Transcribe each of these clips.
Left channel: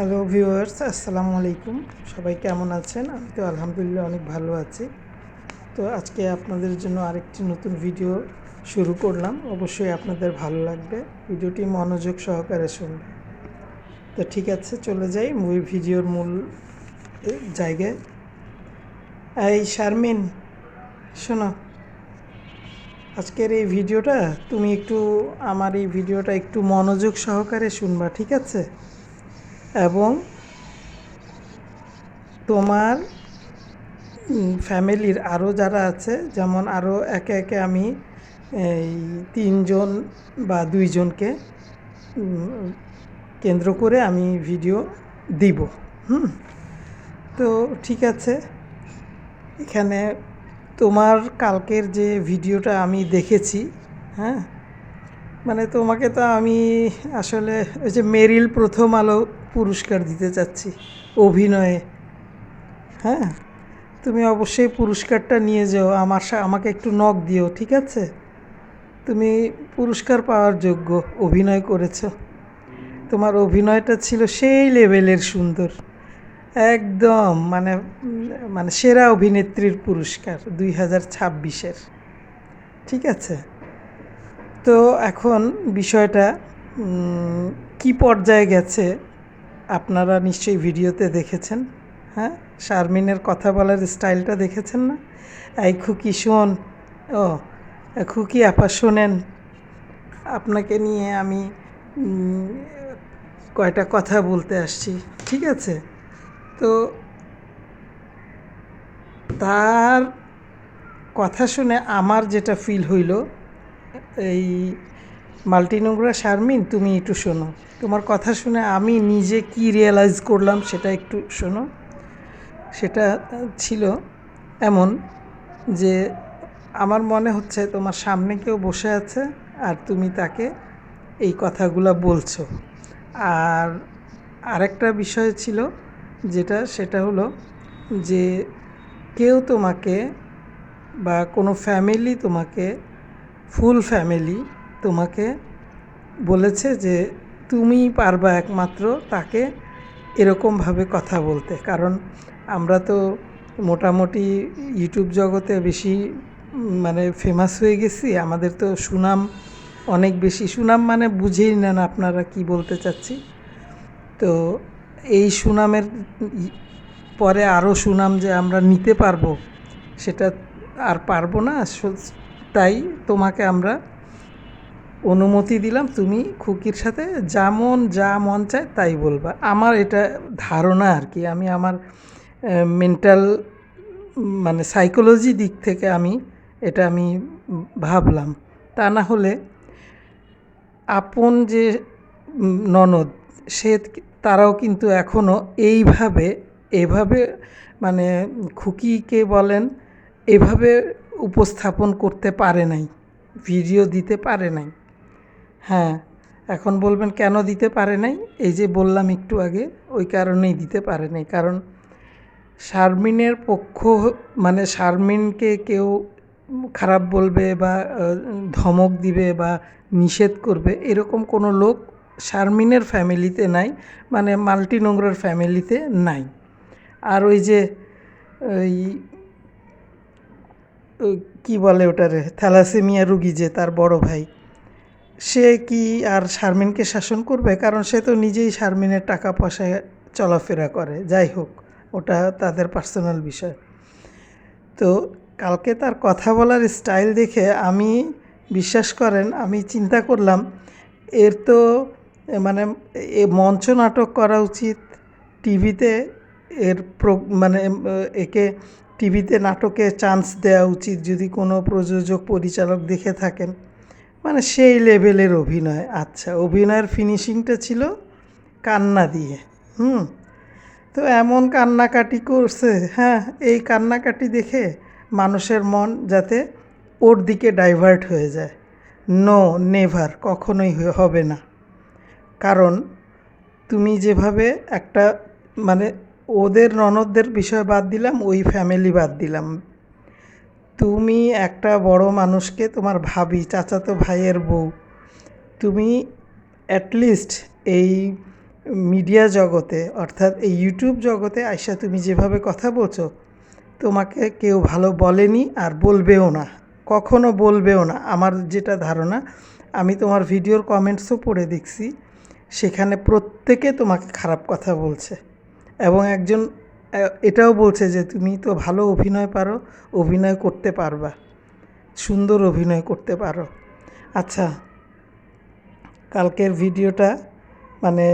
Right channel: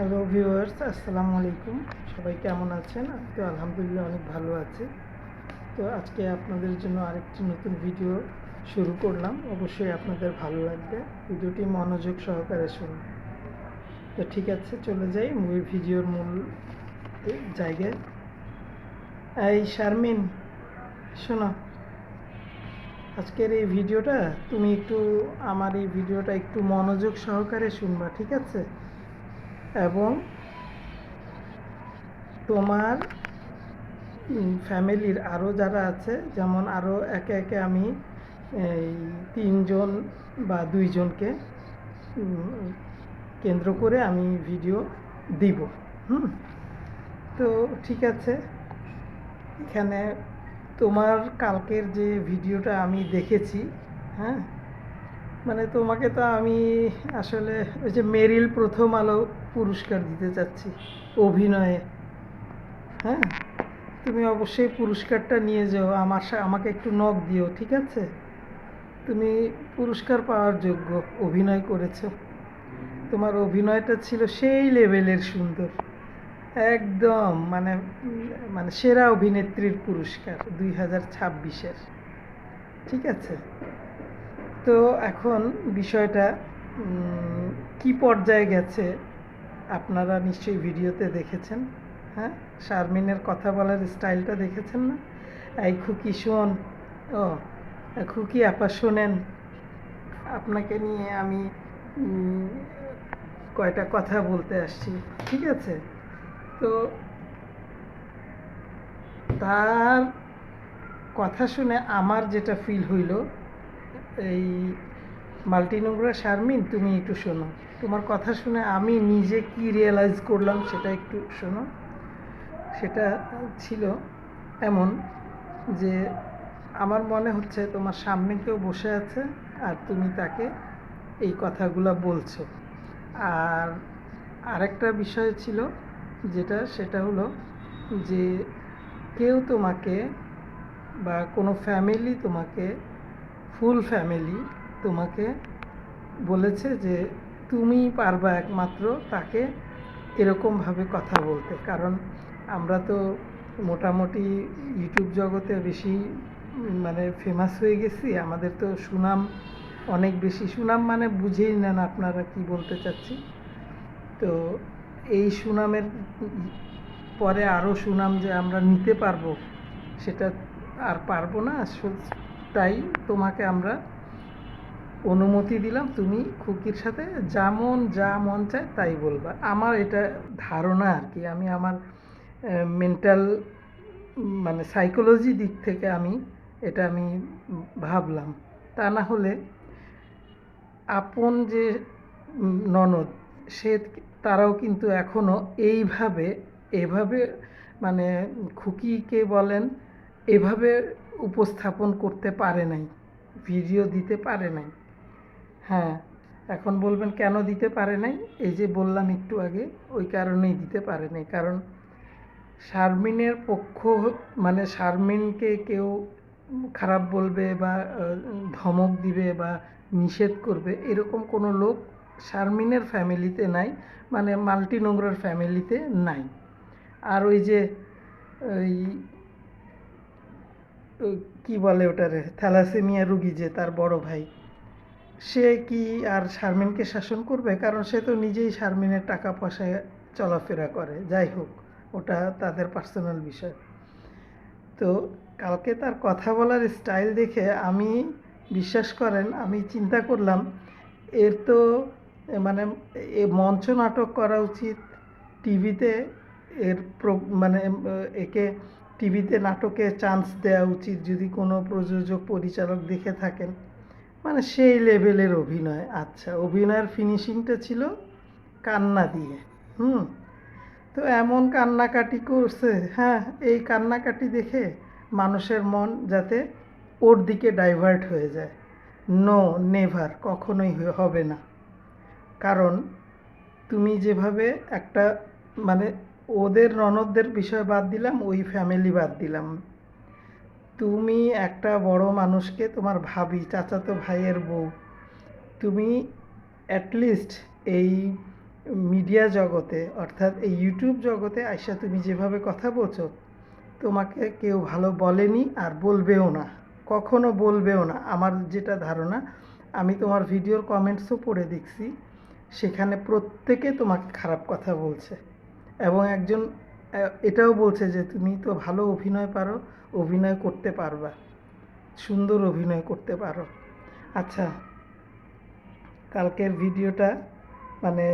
Hello viewers, আসসালামু আলাইকুম। সবাই কেমন আছেন? আমি তো আলহামদুলিল্লাহ অনেক ভালো আছি। তো আজকে আপনাদের জন্য আরেকটি নতুন ভিডিও শুরু করলাম। অবশ্যই আপনাদের ভালো লাগবে। ভিডিওটি মনোযোগ সহকারে শুনবেন। তো ঠিক আছে, চলে যাই ভিডিওর মূল জায়গায়। এই শারমিন, শোনো, আজকের এই ভিডিওটা তুমি আমার এই ভিডিওটা একটু মনোযোগ সহকারে শুনবা, ঠিক আছে? এবং তোমার ফ্যামিলির আরও যারা আছে, যেমন আরও একে একে আমি এই 3জন বা 2জনকে কেন্দ্র করে আমি ভিডিও দিব। তো ঠিক আছে, এখানে তোমার কালকের যে ভিডিওটা আমি দেখেছি, হ্যাঁ, মানে তোমাকে তো আমি আসলে ওই যে মেরিল প্রথম আলো পুরস্কার দিতে চাচ্ছি অভিনয়ে। হ্যাঁ, তুমি অবশ্যই পুরস্কারটা নিয়ে যাও, আমাকে একটু নক দিও, ঠিক আছে? তুমি পুরস্কার পাওয়ার যোগ্য, অভিনয় করেছ। তোমার অভিনয়টা ছিল সেই লেভেলের সুন্দর, একদম মানে মানে সেরা অভিনেত্রীর পুরস্কার 2026-এর, ঠিক আছে? তো এখন বিষয়টা কি পর্যায়ে গেছে আপনারা নিশ্চয়ই ভিডিওতে দেখেছেন। হ্যাঁ, শারমিনের কথা বলার স্টাইলটা দেখেছেন না? এই খুকি শোন, ও খুকি আপা শোনেন, আপনাকে নিয়ে আমি কয়টা কথা বলতে আসছি, ঠিক আছে? তো তার কথা শুনে আমার যেটা ফিল হইল, এই মাল্টিনোংরা শারমিন, তুমি একটু শোনো। তোমার কথা শুনে আমি নিজে কি রিয়েলাইজ করলাম সেটা একটু শোনো। সেটা ছিল এমন যে আমার মনে হচ্ছে তোমার সামনে কেউ বসে আছে আর তুমি তাকে এই কথাগুলো বলছো। আর আরেকটা বিষয় ছিল সেটা হলো যে কেউ তোমাকে বা কোনো ফ্যামিলি তোমাকে, ফুল ফ্যামিলি তোমাকে বলেছে যে তুমিই পারবা একমাত্র তাকে এরকমভাবে কথা বলতে। কারণ আমরা তো মোটামুটি ইউটিউব জগতে বেশি মানে ফেমাস হয়ে গেছি, আমাদের তো সুনাম অনেক বেশি। সুনাম মানে বুঝেই নেন আপনারা কি বলতে চাচ্ছি। তো এই সুনামের পরে আরও সুনাম যে আমরা নিতে পারবো সেটা আর পারবো না। তাই তোমাকে আমরা অনুমতি দিলাম, তুমি খুকির সাথে যা মন চায় তাই বলবা। আমার এটা ধারণা আর কি, আমি আমার মেন্টাল মানে সাইকোলজি দিক থেকে আমি ভাবলাম। তা না হলে আপন যে ননদ, তারাও কিন্তু এখনও এভাবে মানে খুকিকে বলেন, এভাবে উপস্থাপন করতে পারে নাই, ভিডিও দিতে পারে নাই। হ্যাঁ, এখন বলবেন কেন দিতে পারে নাই? এই যে বললাম একটু আগে, ওই কারণেই দিতে পারে নাই। কারণ শারমিনের পক্ষ, মানে শারমিনকে কেউ খারাপ বলবে বা ধমক দিবে বা নিষেধ করবে এরকম কোনো লোক শারমিনের ফ্যামিলিতে নাই, মানে মাল্টিনোংরার ফ্যামিলিতে নাই। আর ওই যে ওই কী বলে ওটারে, থ্যালাসেমিয়া রুগী যে তার বড় ভাই, সে কি আর শারমিনকে শাসন করবে? কারণ সে তো নিজেই শারমিনের টাকা পয়সায় চলাফেরা করে। যাই হোক, ওটা তাদের পার্সোনাল বিষয়। তো কালকে তার কথা বলার স্টাইল দেখে আমি, বিশ্বাস করেন, আমি চিন্তা করলাম এর তো মানে মঞ্চ নাটক করা উচিত, টিভিতে মানে একে টিভিতে নাটকে চান্স দেওয়া উচিত যদি কোনো প্রযোজক পরিচালক দেখে থাকেন। মানে সেই লেভেলের অভিনয়। আচ্ছা, অভিনয়ের ফিনিশিংটা ছিল কান্না দিয়ে। তো এমন কান্নাকাটি করছে, হ্যাঁ, এই কান্নাকাটি দেখে মানুষের মন যাতে ওর দিকে ডাইভার্ট হয়ে যায়। নো, নেভার, কখনোই হবে না। কারণ তুমি যেভাবে একটা মানে ওদের ননদদের বিষয় বাদ দিলাম, ওই ফ্যামিলি বাদ দিলাম, তুমি একটা বড় মানুষকে, তোমার ভাবি, চাচাতো ভাইয়ের বউ, তুমি অ্যাটলিস্ট এই মিডিয়া জগতে অর্থাৎ এই ইউটিউব জগতে আইসা তুমি যেভাবে কথা বলছো, তোমাকে কেউ ভালো বলেনি আর বলবেও না, কখনো বলবেও না। আমার যেটা ধারণা, আমি তোমার ভিডিওর কমেন্টসও পড়ে দেখছি, সেখানে প্রত্যেকে তোমাকে খারাপ কথা বলছে এবং একজন এটাও বলছে যে তুমি তো ভালো অভিনয় পারো, অভিনয় করতে পারবা, সুন্দর অভিনয় করতে পারো। আচ্ছা, কালকের ভিডিওটা মানে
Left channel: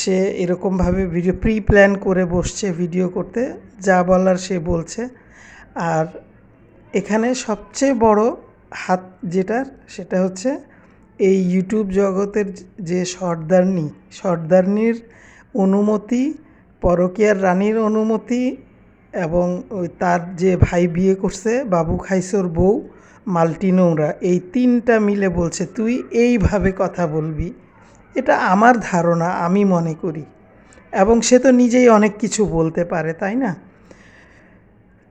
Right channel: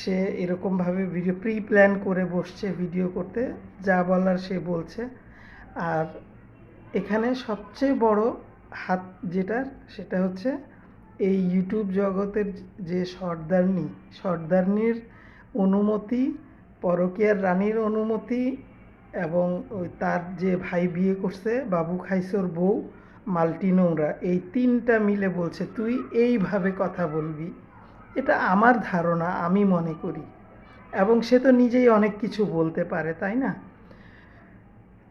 সে এরকমভাবে ভিডিও প্রি প্ল্যান করে বসছে ভিডিও করতে, যা বলার সে বলছে। আর এখানে সবচেয়ে বড় হাত যেটা, সেটা হচ্ছে এই ইউটিউব জগতের যে সর্দারনির অনুমতি, পরকীয়ার রানীর অনুমতি, এবং ওই তার যে ভাই বিয়ে করছে বাবু খাইসোর বউ মাল্টি নোংরা, এই তিনটা মিলে বলছে তুই এইভাবে কথা বলবি। এটা আমার ধারণা, আমি মনে করি। এবং সে তো নিজেই অনেক কিছু বলতে পারে, তাই না?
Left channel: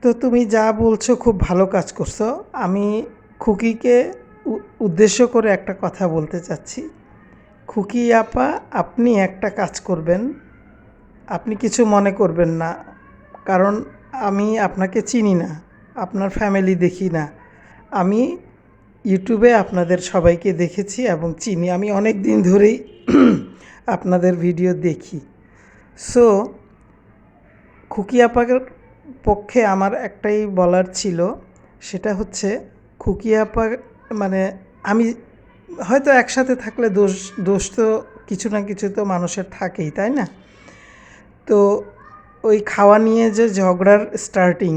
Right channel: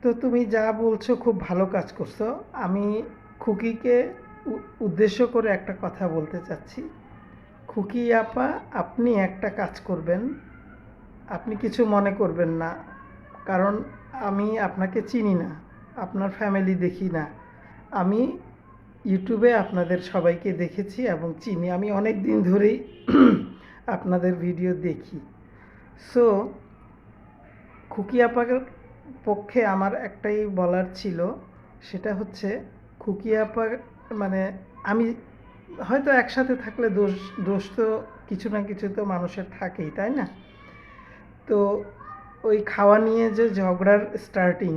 তো তুমি যা বলছো খুব ভালো কাজ করছো। আমি খুকিকে উদ্দেশ্য করে একটা কথা বলতে চাচ্ছি। খুকি আপা, আপনি একটা কাজ করবেন, আপনি কিছু মনে করবেন না, কারণ আমি আপনাকে চিনি না, আপনার ফ্যামিলি দেখি না। আমি ইউটিউবে আপনাদের সবাইকে দেখেছি এবং চিনি, আমি অনেক দিন ধরেই আপনাদের ভিডিও দেখি। সো খুকি আপার পক্ষে আমার একটাই বলার ছিল, সেটা হচ্ছে খুকি আপা মানে আমি হয়তো একসাথে থাকলে দোষ তো কিছু না কিছু তো মানুষের থাকেই, তাই না? তো ওই খাওয়া নিয়ে যে ঝগড়ার স্টার্টিং,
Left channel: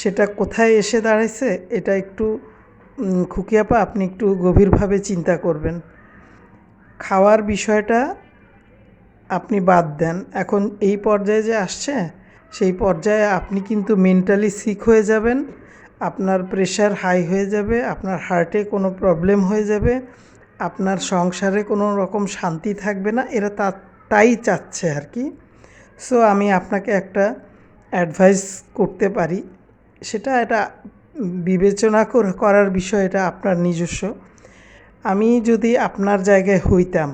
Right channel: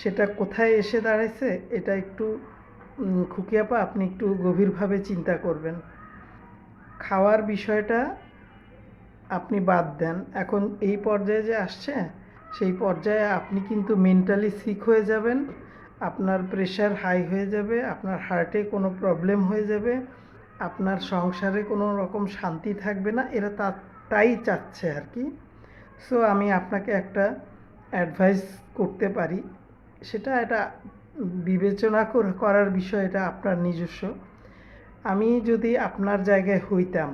সেটা কোথায় এসে দাঁড়াইছে, এটা একটু খুকি আপা আপনি একটু গভীরভাবে চিন্তা করবেন। খাওয়ার বিষয়টা আপনি বাদ দেন, এখন এই পর্যায়ে যে আসছে, সেই পর্যায়ে আপনি কিন্তু মেন্টালি সিক হয়ে যাবেন, আপনার প্রেশার হাই হয়ে যাবে, আপনার হার্টে কোনো প্রবলেম হয়ে যাবে, আপনার সংসারে কোনো রকম শান্তি থাকবে না, এরা তাই চাচ্ছে আর কি। সো আমি আপনাকে একটা অ্যাডভাইস করতে পারি, সেটা এটা বিবেচনা করার বিষয়, এটা আপনার নিজস্ব। আমি যদি আপনার জায়গায় হইতাম,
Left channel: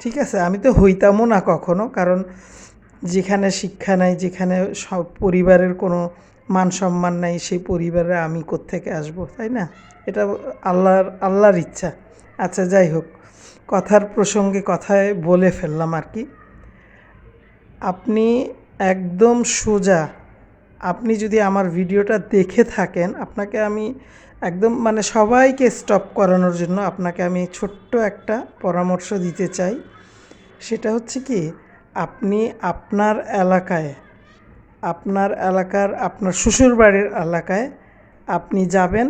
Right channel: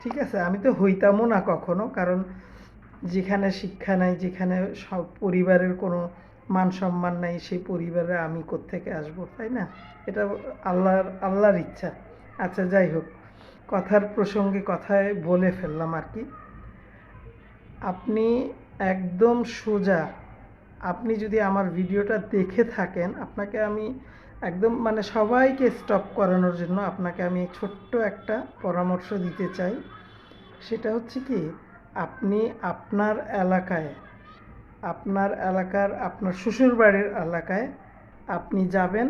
ঠিক আছে, আমি তো হইতামও না কখনো, কারণ যেখানে শিক্ষা নাই, যেখানে সব পরিবারের কোনো মান সম্মান নাই, সেই পরিবারে আমি কোত্থেকে আসবো, তাই না? এটা আল্লাহর ইচ্ছা। আচ্ছা, যাই হোক, কথার প্রসঙ্গে কথায় বলে ফেললাম আর কি। আপনি একদম সোজা, আপনি যদি আমার ভিডিওটা দেখে থাকেন, আপনাকে আমি একদম মানে সবাইকে স্টপ করানোর জন্য আপনাকে আমি ছোট্ট একটা পরামর্শ দিতে চাই। সেটা হচ্ছে কি, আপনি আপনার এলাকার আপনার শ্বশুরবাড়ির এলাকায় আপনি যাবেন,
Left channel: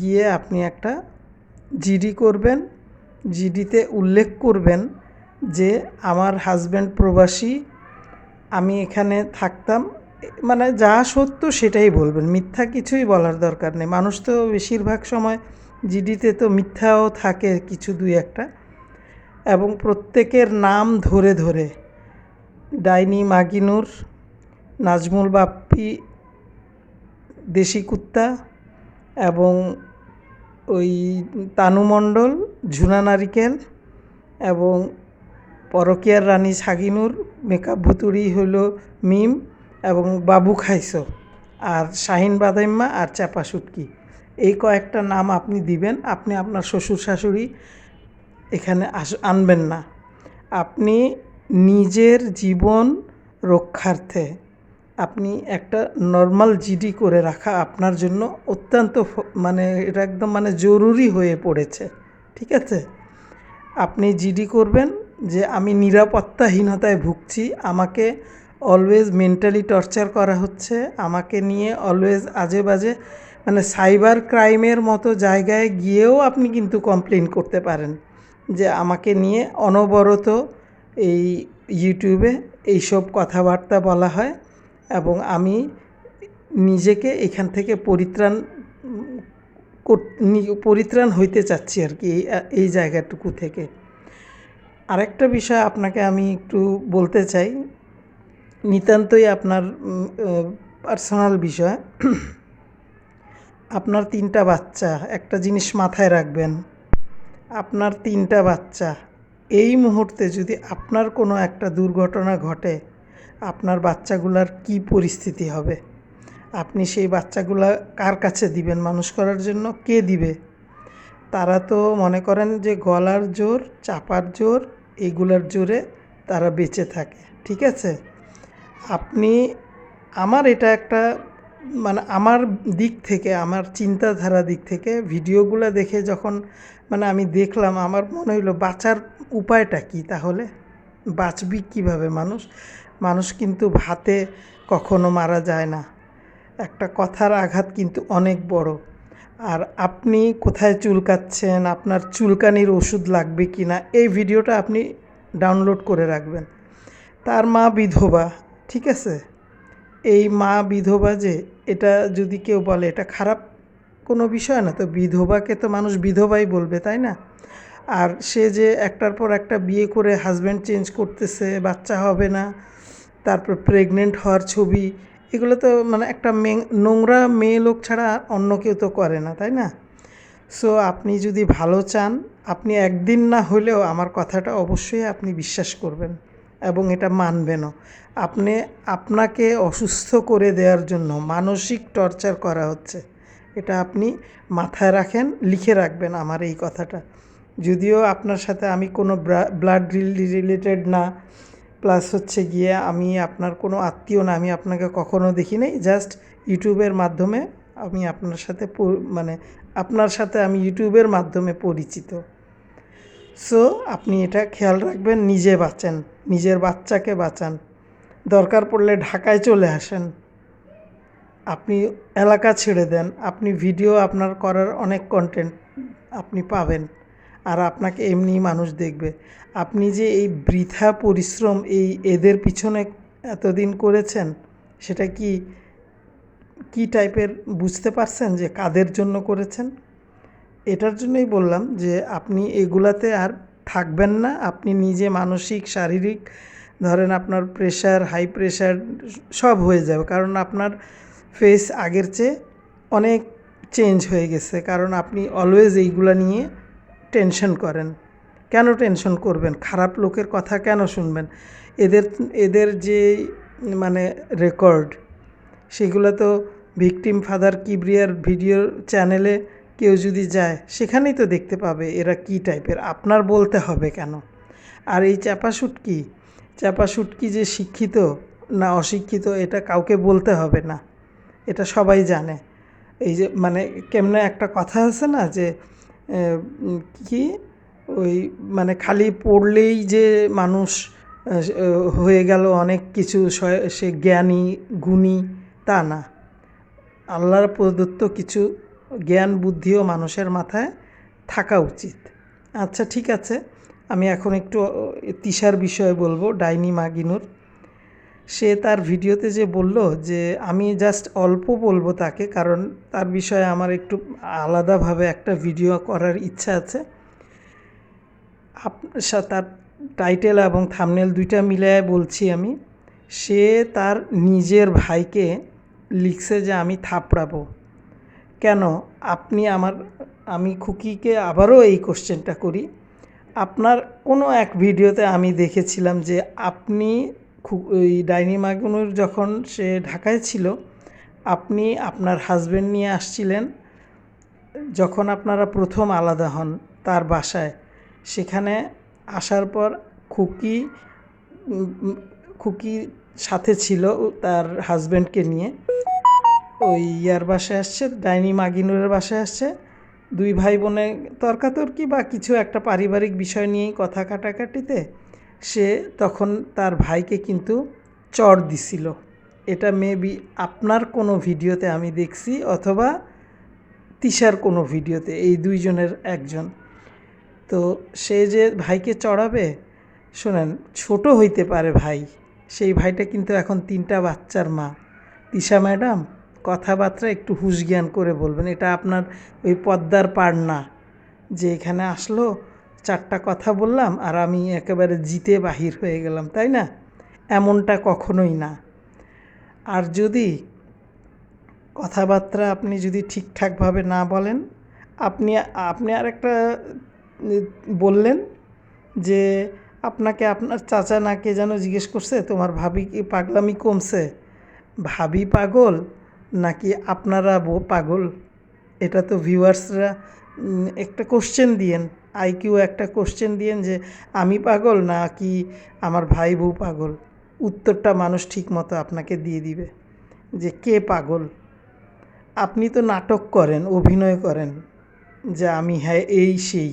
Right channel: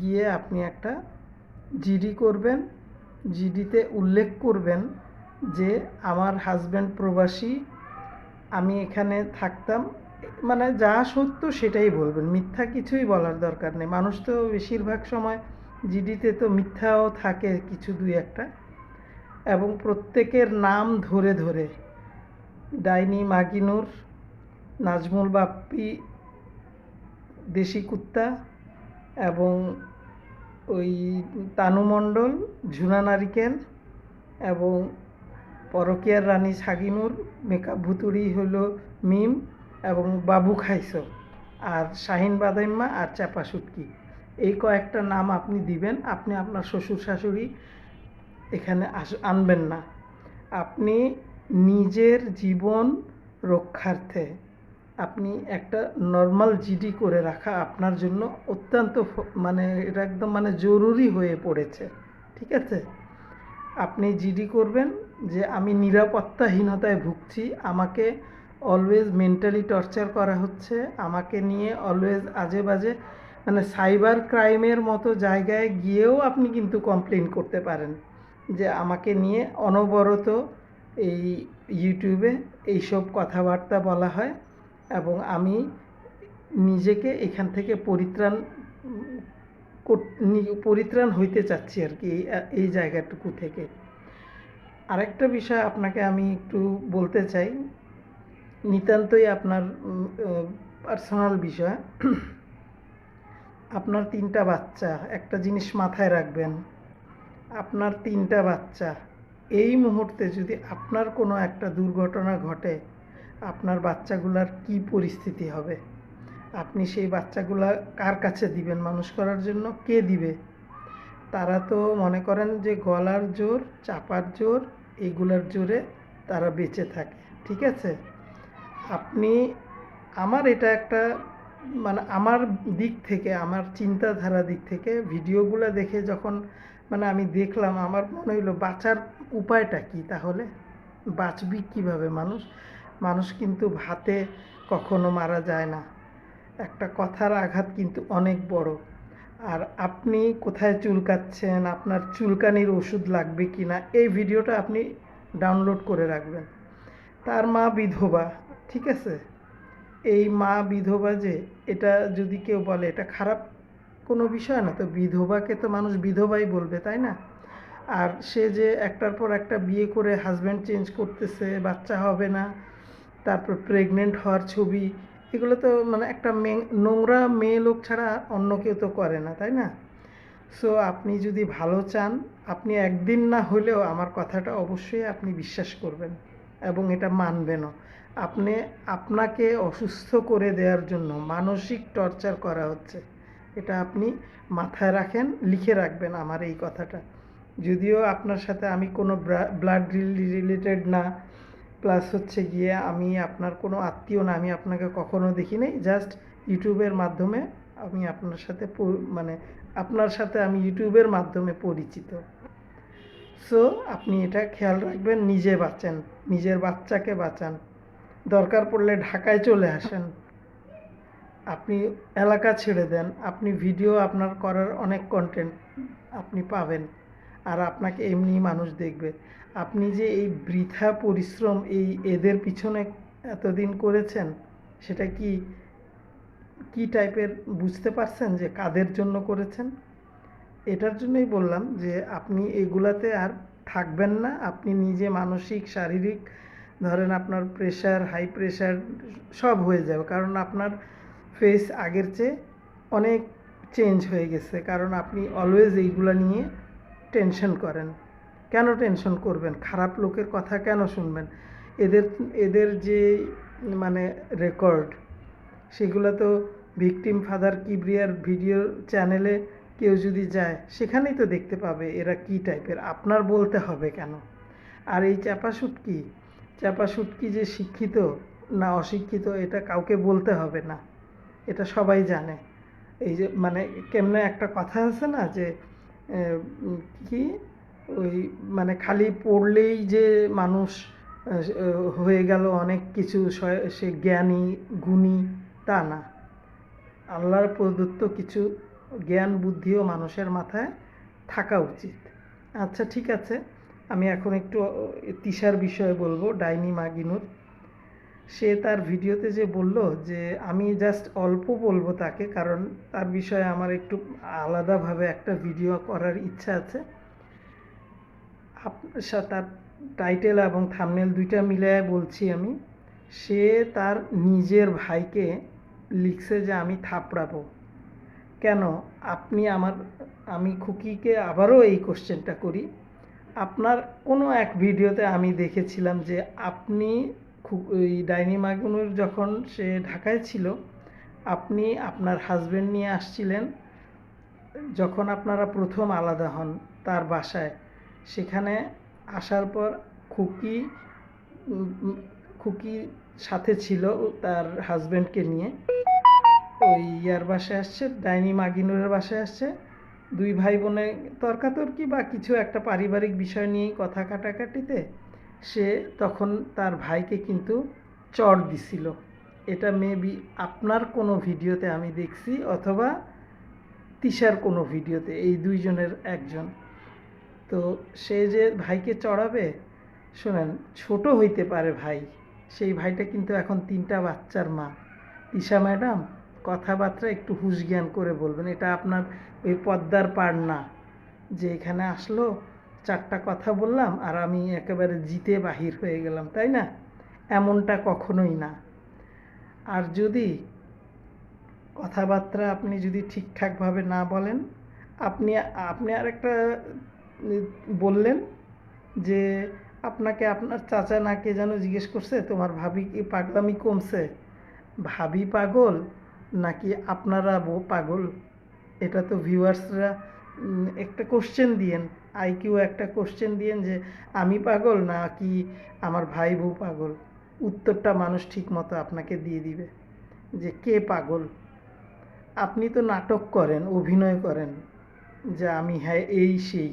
গিয়ে আপনি একটা জিডি করবেন। জিডিতে উল্লেখ করবেন যে আমার হাজব্যান্ড প্রবাসী, আমি এখানে থাকতাম, মানে যা সত্য সেটাই বলবেন, মিথ্যা কিছুই বলার দরকার নেই। মানুষ তো বেশিরভাগ সময় জিডিতে তো মিথ্যাও থাকে কিছু দুই একটা, এবং প্রত্যেকের নাম ধরে ধরে, ডাইনি মাগিনুর, নাজমুল বাপ্পি, দেশি কুত্তা, এবং ওই তানু মণ্ডল, ঝুনা নারিকেল, এবং পরকীয়ার রানী ছাগিনুর, মেকআপ ভুতুড়ি হলো মিম, এবং বাবু খাইছো, আর শাহিন বাদাইম্মা, আর চাপা সুটকি, এই কয়েকটা নাম আপনি দিবেন। আপনি আপনার শ্বশুর শাশুড়ি এখানে আনবেন না। আপনি নিজের জীবন রক্ষার্থে আপনি একটা নর্মাল জিডি করে রাখা আপনার জন্য অত্যন্ত মানে এটা একদম মানে জরুরি হয়ে পড়েছে, ঠিক আছে? আপনি জিডি করবেন যে আমি নিরাপত্তাহীনতায় ভুগছি, আমাকে অলওয়েজ মেন্টালি টর্চার করা হচ্ছে, আমাকে নিয়ে অলওয়েজ আজে বাজে মানে সাইবার ক্রাইমের মতো জায়গায় গিয়েও আপনি কিন্তু কমপ্লেন করতে পারেন যে আমাকে নিয়ে অনবরত এই ইউটিউবে এইসব কথাবার্তা বলা হয়, এবং আমি নিজেকে এখান থেকে পরিত্রাণ হইতে চাচ্ছি আর কি এই জায়গাটুকু থেকে। আরেকটা বিষয় আপনাকে আমি একটু বলতে চাই, নিতান্তই আপনার পার্সোনাল বিষয়। আপনার 3টা বাচ্চা, একটা জিনিস মাথায় রাখবেন, আপনার 3টা বাচ্চা, এই মুহূর্তে যদি আপনার কোনো একটা দুর্ঘটনা ঘটে, আপনার বাচ্চাগুলার কি পরিস্থিতি হবে? আপনি সেই বাচ্চাগুলা কার কাছে দিবেন মানুষ করার জন্য? কে দিবে? তারা তো মনে করেন যে গলার জোর, চাপার জোর, এইগুলার জোরে তারা বেঁচে থাকে, ঠিক আছে? আপনি আমার এটা একটা মানে আমার দিক থেকে, আমার চিন্তাধারা দিক থেকে ভিডিওগুলো দেখে যখন মানে আমি দেখলাম, আমার মনে হইলো বাঁচার উপায়টা কি তাহলে? বাঁচবি কীভাবে মানুষ? মানুষ কিন্তু ভাতে কখনো মারা যায় না। একটা কথার আঘাত কিন্তু অনেক বড়। আর আপনি কোথায় চুলকাচ্ছেন, আপনার চুলকানির ওষুধ লাগবে কি না, এই ভিডিওটা আপনি ডাউনলোড করে রাখবেন। তার মা বিধবা, ঠিক আছে? এই মা বিধবা যে, এটা যদি কেউ বলে এটা খারাপ কোনো বিষয় না, তো বিধবাকে তো মানুষ বিধবাই বলবে, তাই না? আর সে যে একটার পর একটা বিয়ে করে হাজব্যান্ড চেঞ্জ করতেছে, বাচ্চা হবে না, তারপর প্রেগনেন্ট হওয়ার ছবি, এগুলো তো মানে একটা নোংরা মেয়ে লোক ছাড়া অন্য কেউ তো করে না, তাই না? সো আপনি যদি ভালো চান, আপনি একদিন না হলেও আমার কথাটা অবশ্যই আপনি বিশ্বাস করবেন এবং এটা মানবেনও। আপনাকে অসুস্থ করে দেওয়ার জন্য মানসিক টর্চার করা হচ্ছে, এটা আপনি মাথায় রাখেন, লিখে রাখবেন আমার এই কথাটা। যদিও আপনার সাথে আমি কোনো ব্লাড রিলেটেড না, প্লাস হচ্ছে গিয়ে আমি আপনার কোনো আত্মীয় না, আমি আপনাকে কখনো দেখি নাই, জাস্ট ইউটিউবের মাধ্যমে আমি আপনার সাথে মানে আপনার সাথে আমি ইউটিউবের মাধ্যমে পরিচিত। সো আপনি এটা খেয়াল রাখবেন, নিজে বাঁচেন, নিজের বাচ্চাকে বাঁচান, দরকার পড়লে ঢাকায় চলে আসেন, আপনি এলাকা ছেড়ে দেন, আপনি ভিডিও আপনার করার অনেক কন্টেন্ট আপনি পাবেন, আর আপনাকে এমনি মানুষ দেখবে। আপনি যে এই বৃথা পরিশ্রম এদের পিছনে এতদিন করেছেন, সেটা কি টাইপের বুঝতে পারছেন যে কাদের জন্য করেছেন? এটার জন্যই বললাম যে আপনি এগুলাতে আর থাকবেন না। আপনি নিজে মানসিক, শারীরিক, ধরেন আপনার প্রেশার, হাই প্রেশার সব হয়ে যাবে, কারণ আপনার ফেস আগের চেয়ে অনেক চেঞ্জ হয়ে গেছে, কারণ আপনি অলওয়েজ এইগুলা নিয়ে টেনশন করেন। কেন টেনশন করবেন? খারাপ লোকের কথা কেন শুনবেন? এদের যে মানে রেকর্ড, সেগুলো তো ভিকটিম ফাদার কিবরিয়ার ভিডিও চ্যানেলে কেউ যদি যায়, সেখানেই তো দেখতে পাবে এরা কী টাইপের। আপনার বলতে হবে কেন? আর এই চাপা শুটকি যে শিক্ষিত না অশিক্ষিত, এটা কাউকে বলতে হবে না, এটা সবাই জানে। এই যে মানে কেমনে একটা কথা আছে না যে কি ওই মানে খালি পড়লেই যে মানুষ হয়ে গেল অনেক কিছু, সে জ্ঞানী গুণী, তা না। আল্লাহর প্রদত্ত কিছু জ্ঞান বুদ্ধিও মানুষের মাথায় থাকা উচিত। আচ্ছা, ঠিক আছে, আমি এখন একটু তিশার বিষয়ে বলবো, ডাইনি মাগিনুর। সে তার ভিডিওতে যে বলল, যে আমি জাস্ট অল্প বলবো তাকে, কারণ তার বিষয়ে আমার একটু আলাদাভাবে একটা ভিডিও করার ইচ্ছা আছে। তার টাইটেল এবং থাম্বনেল দুইটা মিলায় বলছি আমি। সে তার নিজের ভাইকে লিখছে যে আমি থাপড়াবো। কেন? আমি খুকিকে আবারও এই কোশ্চেনটা করি। আপনার কোনো এক ভিডিওতে আমি দেখেছিলাম যে আপনি ওই ডাইনি মাগুনুর যখন সে ঢাকায় ছিল, আপনি আপনার হাজব্যান্ড নিয়ে আসছিলেন, যখন আপনারা প্রথম আলাদা হন তার বাসায়, সেখানে আসার পর খুকি সাথে ছিল তার হাজব্যান্ডকে নিয়ে, ওই ইয়ার বাসায় আসছে, ডাইনি মাগিনুরের বাসায় আসছে। দুই ভাই বোনে তর্কাতর্কি বা কিছু একটা পারিবারিক বিষয় নিয়েই কথা কাটাকাটিতে সে তখন তার ভাইকে কিন্তু চড় দিছিল। এটা মেবি আপনার কোনো ভিডিওতে আমি দেখছি, অথবা তিশার কোনো ভিডিওতে, এই দুইজনের একজন। তো সে যে ভাইকে চড়াবে, শোনেন, ছোট হইতে পারে ভাই, সেই ভাইটা কিন্তু এখন 3টা বাচ্চার মা। তিশা ম্যাডাম, কথাবার্তা একটু হুঁশ জ্ঞান করে বলবেন। এটা আপনার ওই পদ্মার পাড় না যে এখানে আসলো 4টা কথা বললাম আর আমি একেবারে জিতে বাহির হয়ে গেলাম, তাই না? এমনটা কখনোই না। আর যদি কথাবার্তা আপনি যদি ঠিকঠাকভাবে না বলেন, আপনি আর একটা বললেন যে আপনাকে আপনার চাচা না কে যেন জিজ্ঞেস করছে তোমার ভাবি কি পাগলামি কমছে, ভাবি পাগল নাকি আপনারা পাগল? এটা তো ভিউয়ার্সরা একটা কোশ্চেন দিয়েন, আইকিউ একটা কোশ্চেন দিয়েন যে আমি পাগল না কি আমার ভাই বউ পাগল। উত্তরটা মানুষ ঠিক মতো আপনাকে দিয়ে দিবে যে কে পাগল। আপনি তো নাটক করেন, অভিনয় করেন যে আমি হ্যাঁ এই সেই।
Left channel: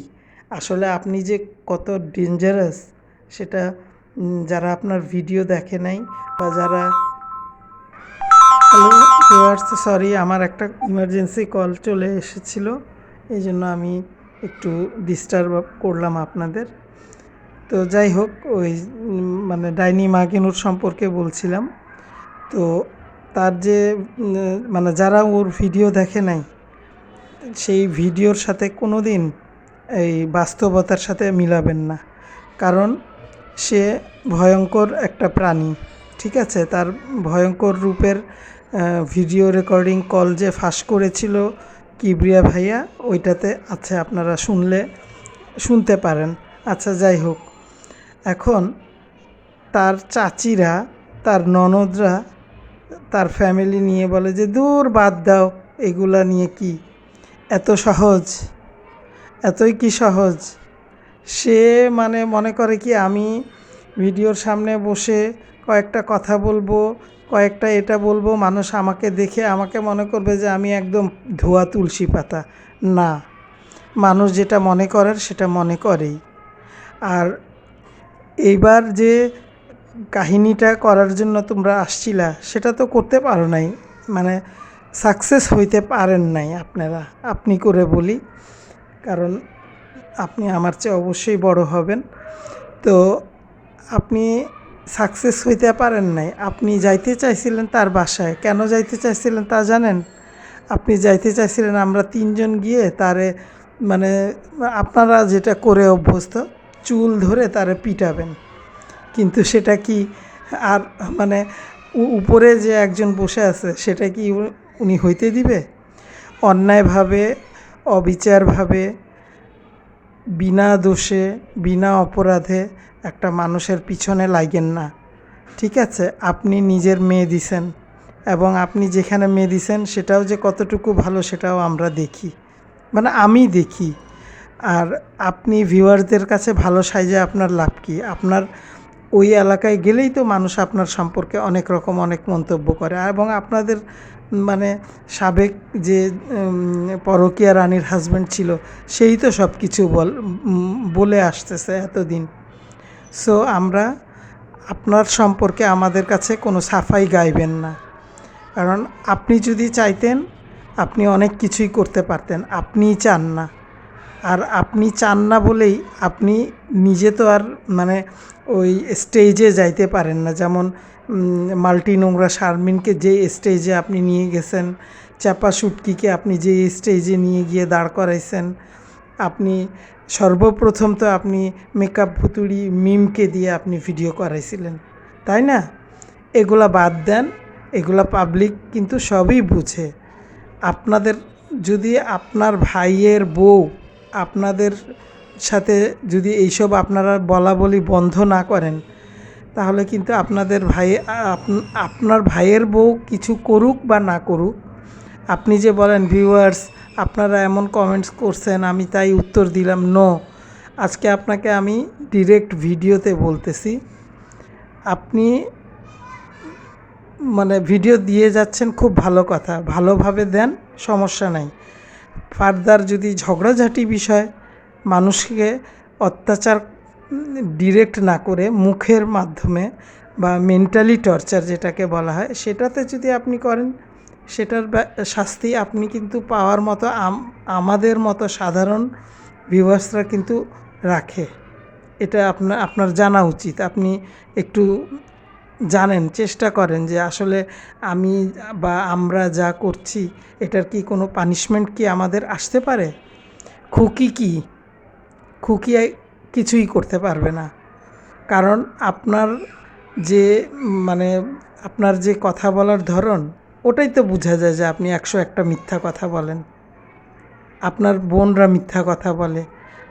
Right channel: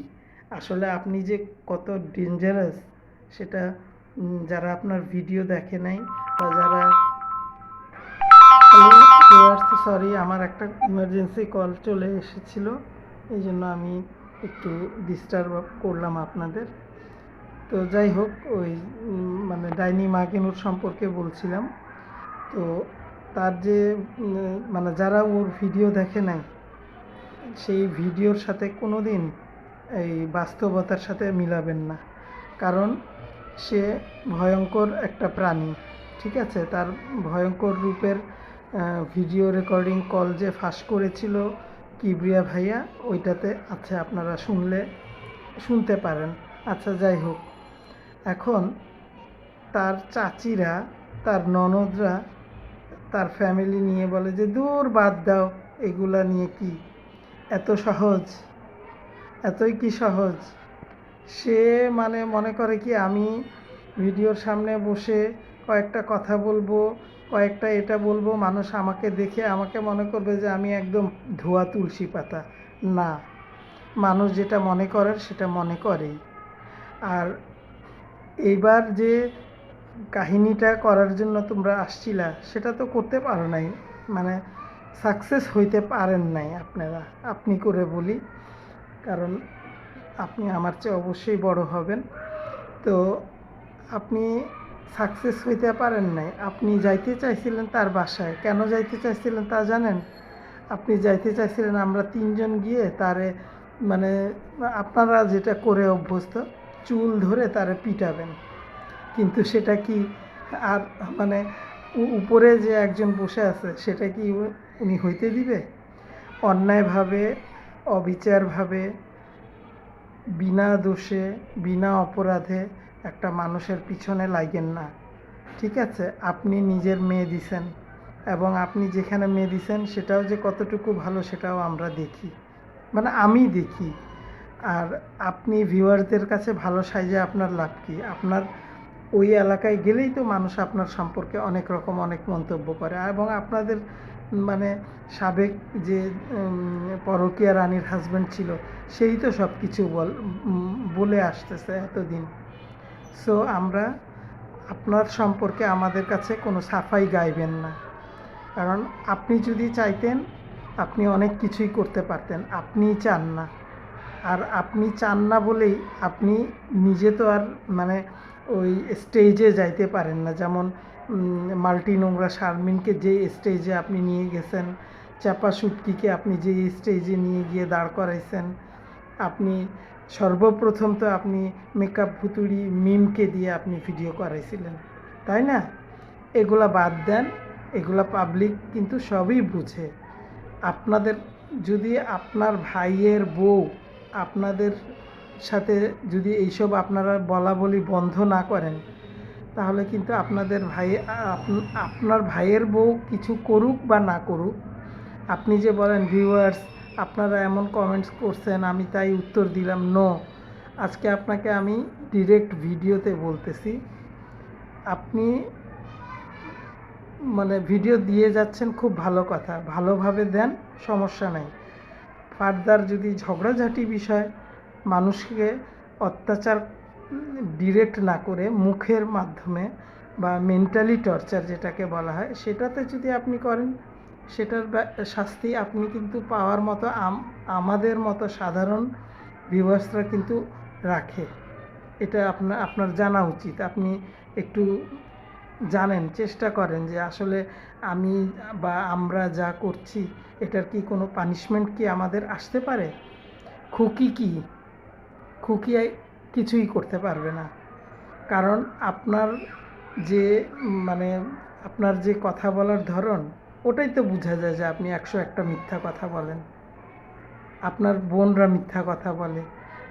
আসলে আপনি যে কত ডেঞ্জারাস সেটা যারা আপনার ভিডিও দেখে নাই বা যারা হ্যালো ভিউয়ার্স, সরি আমার একটা ইমার্জেন্সি কল চলে এসেছিল, এই জন্য আমি একটু ডিস্টার্ব করলাম আপনাদের। তো যাই হোক, ওই মানে ডাইনি মাগিনুর সম্পর্কে বলছিলাম। তো তার যে মানে যারা ওর ভিডিও দেখে নাই সেই ভিডিওর সাথে কোনো দিন এই বাস্তবতার সাথে মিলাবেন না, কারণ সে ভয়ঙ্কর একটা প্রাণী। ঠিক আছে, তার ভয়ঙ্কর রূপের ভিডিও রেকর্ডিং কল যে ফাঁস করেছিল কিবরিয়া ভাইয়া, ওইটাতে আছে, আপনারা শুনতে পারেন। আচ্ছা যাই হোক, এখন তার চাচিরা, তার ননদরা, তার ফ্যামিলি নিয়ে বলে যে দূর বাদ দাও, এগুলা নিয়ে কি এত সহজ, এতই কি সহজ। সে মানে মনে করে কি আমি ভিডিওর সামনে বসে কয়েকটা কথা বলবো, কয়েকটা এটা বলবো, মানুষ আমাকে দেখে আমাকে মনে করবে যে আমি একদম ধোয়া তুলসী পাতা। না, মানুষ যেটা মনে করার সেটা মনে করেই। আর এইবার যে কাহিনীটা করার জন্য তোমরা আসছিলা সেটা তো করতে পারো নাই, মানে সাকসেস হইতে পারেন নাই আপনারা। আপনি করে বলি, কারণ আপনি আমার চেয়ে অবশ্যই বড় হবেন। তো আপনি সাকসেস হইতে পারেন নাই। আপনি যাইতে চাইছিলেন তার বাসায়, কেন যাইতে চাইছিলেন তা জানেন? আপনি যাইতে চাইছিলেন আমরা তিনজন গিয়ে তারে মানে আপনারা যেটা করে অভ্যস্ত, চুল ধরে তারে পিটাবেন। কিন্তু সেটা কি আর মানে উপরে যে একজন বসে আছে সেটা কি উনি হইতে দিবে? অন্যায়ভাবে, অবিচারভাবে, বিনা দোষে, বিনা অপরাধে একটা মানুষের পিছনে লাগেন না। ঠিক আছে, আপনি নিজের মেয়ে দিছেন, এবং আপনি যেখানে মেয়ে দিছেন সেটাও যে কতটুকু ভালো সেটাও আমরা দেখি, মানে আমি দেখি। আর আপনি ভিউয়ারদের কাছে ভালো সাইজে আপনার লাভ কি? আপনার ওই এলাকায় গেলেই তো মানুষ আপনার সম্পর্কে অনেক রকম অনেক মন্তব্য করে, এবং আপনাদের মানে সাবেক যে পরকীয়া রানীর হাজব্যান্ড ছিল সেই তো সব কিছু বলে আসতেছে এতদিন। সো আমরা আপনার সম্পর্কে আমাদের কাছে কোনো সাফাই গাইবেন না, কারণ আপনি যদি চাইতেন আপনি অনেক কিছুই করতে পারতেন, আপনিই চান না। আর আপনি চান না বলেই আপনি নিজে তো আর মানে ওই স্টেজে যাইতে পারেন না। যেমন মাল্টি নোংরা শারমিনকে যে স্টেজে আপনি নিয়ে গেছেন, চাপা শুটকিকে আপনি যে স্টেজে নিয়ে গিয়ে দাঁড় করাইছেন, আপনি সর্বপ্রথম তো আপনি মেকআপ ভুতুড়ি মিমকে দিয়ে আপনি ভিডিও করাইছিলেন, তাই না? এগুলা বাদ দেন, এগুলা পাবলিক কিন্তু সবই বুঝে। আপনাদের যদি আপনার ভাইয়ের বউ আপনাদের সাথে যদি এইসব আপনারা বলা বলি বন্ধ না করেন, তাহলে কিন্তু আপনার ভাইয়ের বউ কিছু করুক বা না করুক, আপনি যে বলেন ভিউয়ার্স আপনারা এমন কমেন্টস করছেন আমি তাই উত্তর দিলাম, নো। আজকে আপনাকে আমি ডিরেক্ট ভিডিওতে বলতেছি, আপনি মানে ভিডিও দিয়ে যাচ্ছেন, খুব ভালো কথা, ভালোভাবে দেন, সমস্যা নাই। ফার্দার যদি ঝগড়াঝাটি বিষয়, মানুষকে অত্যাচার ডিরেক্ট না করে মুখের মাধ্যমে বা মেন্টালি টর্চার যেটাকে বলা হয় সেটাতে যদি আপনি করেন, সেটার শাস্তি আপনি কিন্তু পাওয়ার মতো আমাদের মতো সাধারণ ভিউয়ার্সরা কিন্তু রাখে। এটা আপনার জানা উচিত। আপনি একটু জানেন, চেষ্টা করেন যে আসলে আমি বা আমরা যা করছি এটার কি কোনো পানিশমেন্ট কি আমাদের আসতে পারে? খুকি কিছুই করতে পারবে না, কারণ আপনার যে মানে আপনার যে কথা বলার ধরন, ওটাই তো বোঝা যায় যে আপনি 101টা মিথ্যা কথা বলেন। আপনার বোনরা মিথ্যা কথা বলে,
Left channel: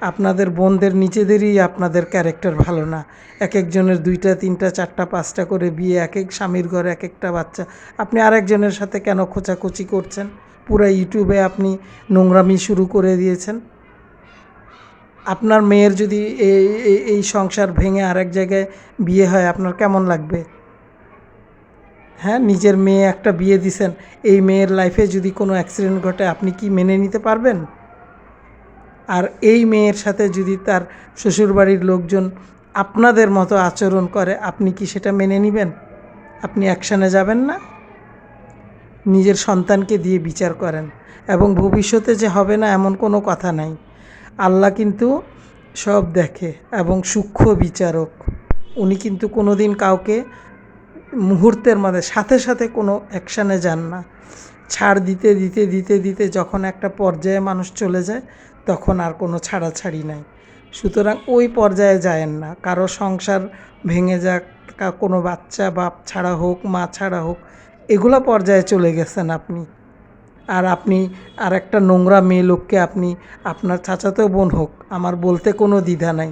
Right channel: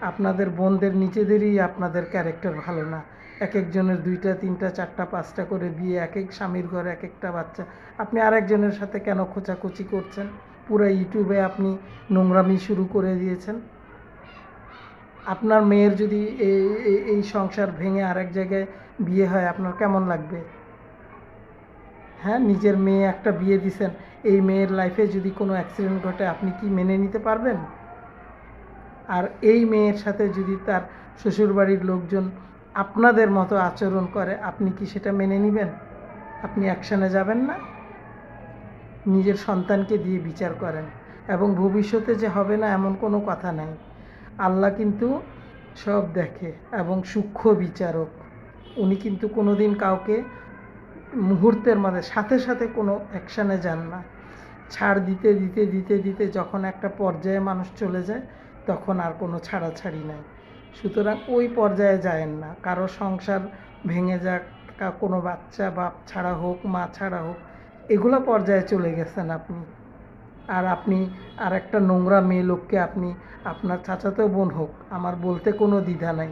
আপনাদের বোনদের নিজেদেরই আপনাদের ক্যারেক্টার ভালো না। এক একজনের 2টা 3টা 4টা 5টা করে বিয়ে, এক এক স্বামীর ঘরে এক একটা বাচ্চা। আপনি আরেকজনের সাথে কেন খোঁচাখুচি করছেন? পুরো ইউটিউবে আপনি নোংরামি শুরু করে দিয়েছেন। আপনার মেয়ের যদি এই সংসার ভেঙে আরেক জায়গায় বিয়ে হয় আপনার কেমন লাগবে? হ্যাঁ, নিজের মেয়ে একটা বিয়ে দিছেন, এই মেয়ের লাইফে যদি কোনো অ্যাক্সিডেন্ট ঘটে আপনি কি মেনে নিতে পারবেন? আর এই মেয়ের সাথে যদি তার শ্বশুরবাড়ির লোকজন আপনাদের মতো আচরণ করে আপনি কি সেটা মেনে নেবেন? আপনি অ্যাকশানে যাবেন না? নিজের সন্তানকে দিয়ে বিচার করেন, এবং ভবিষ্যতে যে হবে না এমন কোনো কথা নাই। আল্লাহ কিন্তু সব দেখে এবং সূক্ষ্ম বিচারক। উনি কিন্তু কোনো দিন কাউকে মুহূর্তের মধ্যে সাথে সাথে কোনো অ্যাকশানে যান না। ছাড় দিতে দিতে দিতে দিতে যখন একটা পর্যায়ে মানুষ চলে যায় তখন আর কোনো ছাড়াছাড়ি নাই। সুতরাং ওই পর্যায়ে যায়েন না। কারো সংসার ভেঙে যাক, কোনো বাচ্চা বাপ ছাড়া হোক, মা ছাড়া হোক, এগুলো পর্যায়ে চলে গেছেন আপনি। আর আপনি আর একটা নোংরা মেয়ে লোককে আপনি, আপনার চাচাতো বোন হোক, আমার বলতে কোনো দ্বিধা নাই,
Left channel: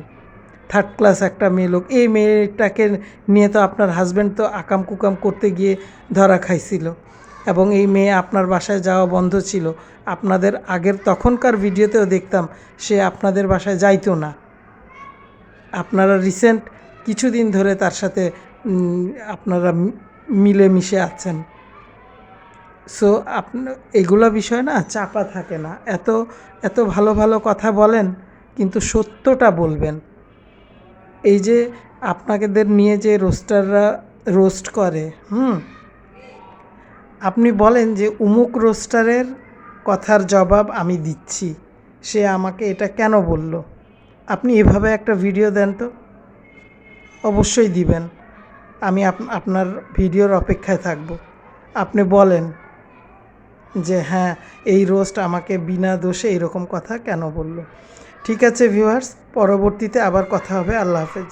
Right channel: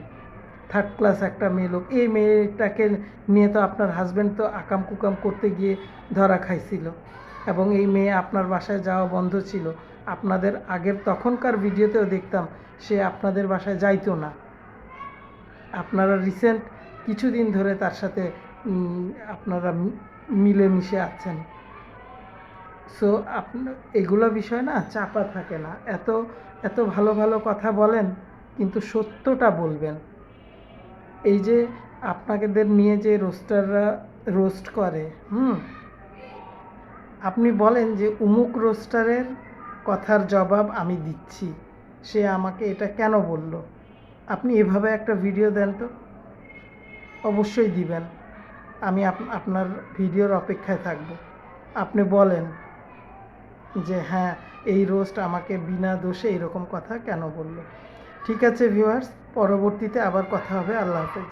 3rd ক্লাস একটা মেয়ে লোক, এই মেয়েটাকে নিয়ে তো আপনার হাজব্যান্ড তো আকাম কুকাম করতে গিয়ে ধরা খাইছিল, এবং এই মেয়ে আপনার বাসায় যাওয়া বন্ধ ছিল। আপনাদের আগের তখনকার ভিডিওতেও দেখতাম সে আপনাদের বাসায় যাইতো না। আপনারা রিসেন্ট কিছুদিন ধরে তার সাথে আপনারা মিলেমিশে আছেন। সো এগুলো বিষয় না চাপা থাকে না। এত এত ভালো ভালো কথা বলেন, কিন্তু সত্যটা বলবেন। এই যে আপনাদের নিয়ে যে রোস্টাররা রোস্ট করে, আপনি বলেন যে উমুক রোস্টারের কথার জবাব আমি দিচ্ছি, সে আমাকে এটা কেন বলল। আপনি এভাবে একটা ভিডিও দেন তো, অবশ্যই দিবেন। আমি আপনার ভিডিওর অপেক্ষায় থাকব। আপনি বলেন যে হ্যাঁ, এই রোস্ট আমাকে বিনা দোষে এরকম কথা কেন বলল। ঠিক আছে ভিউয়ার্স, পরবর্তীতে আবার কথা হবে। আল্লাহ হাফেজ।